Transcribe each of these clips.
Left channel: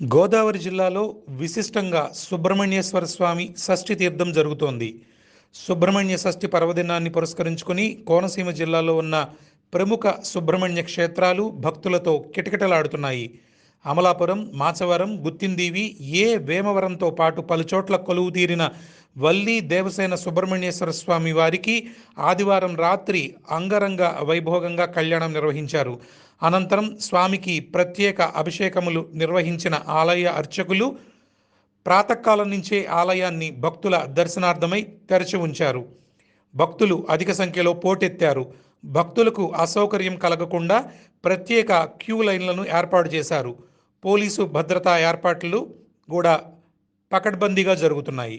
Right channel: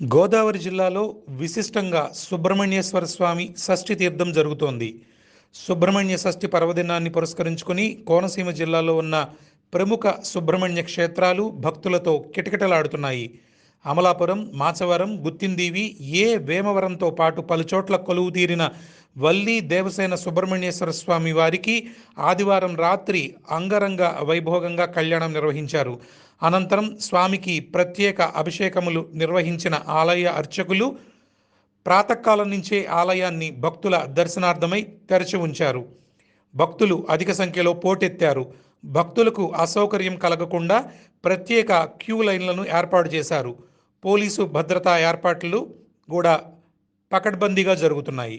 గోదావరి జిల్లాలో విశిష్టంగా సుబ్రహ్మణ్యేశ్వర స్వామి షష్ఠి తీర్థం జరుగుతోంది. సుబ్రహ్మణ్య షష్ఠి పర్వదినాన్ని పురస్కరించుకుని కోనసీమ జిల్లాలో ఉన్న ప్రముఖ సుబ్రహ్మణ్య క్షేత్రాలు భక్తులతో కిటకిటలాడుతున్నాయి. అమలాపురం మాచవరం గుత్తిందీవి ఏ వేమవరంతో పాటు పలుచోట్ల కొలువు తీరిన వల్లి దేవసేన సుబ్రహ్మణ్యేశ్వర స్వామి వారికి ఆదివారం రాత్రి అంగరంగ వైభోగంగా కళ్యాణం నిర్వహించారు. అనంతరం స్వామికి ప్రత్యేక అభిషేకములు నిర్వహించిన ఆలయ అర్చకులు ప్రాతకాలం నుంచే ఆలయాన్ని భక్తుల దర్శనార్థమై తెరచి ఉంచారు. భక్తులు అధిక సంఖ్యలో పోటెత్తారు. భక్తులకు అసౌకర్యం కలగకుండా ప్రత్యేక క్యూ లైన్లను ఏర్పాటు చేశారు. పోలీసు భద్రతా ఏర్పాట్లు కూడా పకడ్బందీగా జరుగుతున్నాయి.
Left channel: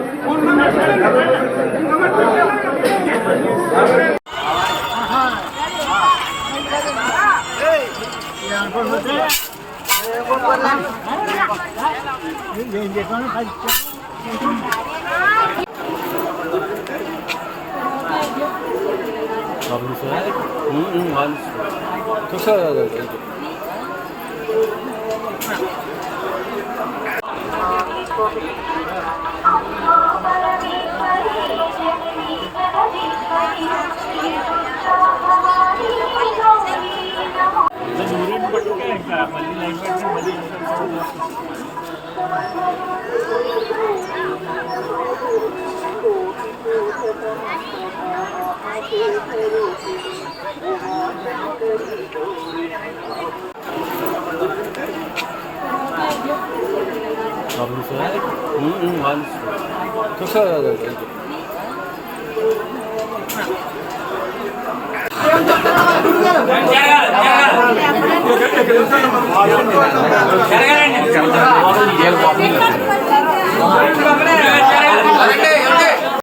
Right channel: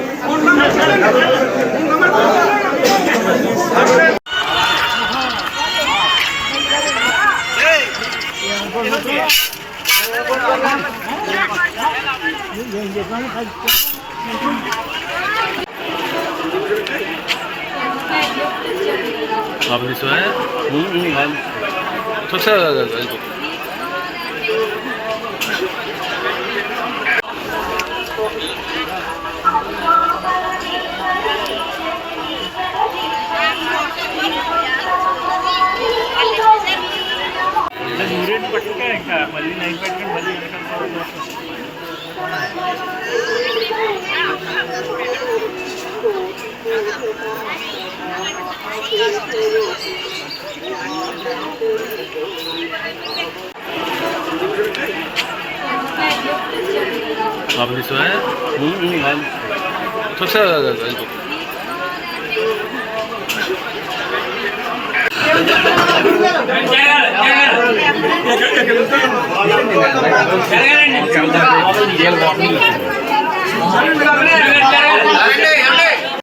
आपने सो है हूं हूं मान तो सर आपने सोया है तो अच्छा लगा इनको Yeah. జరగాలండి.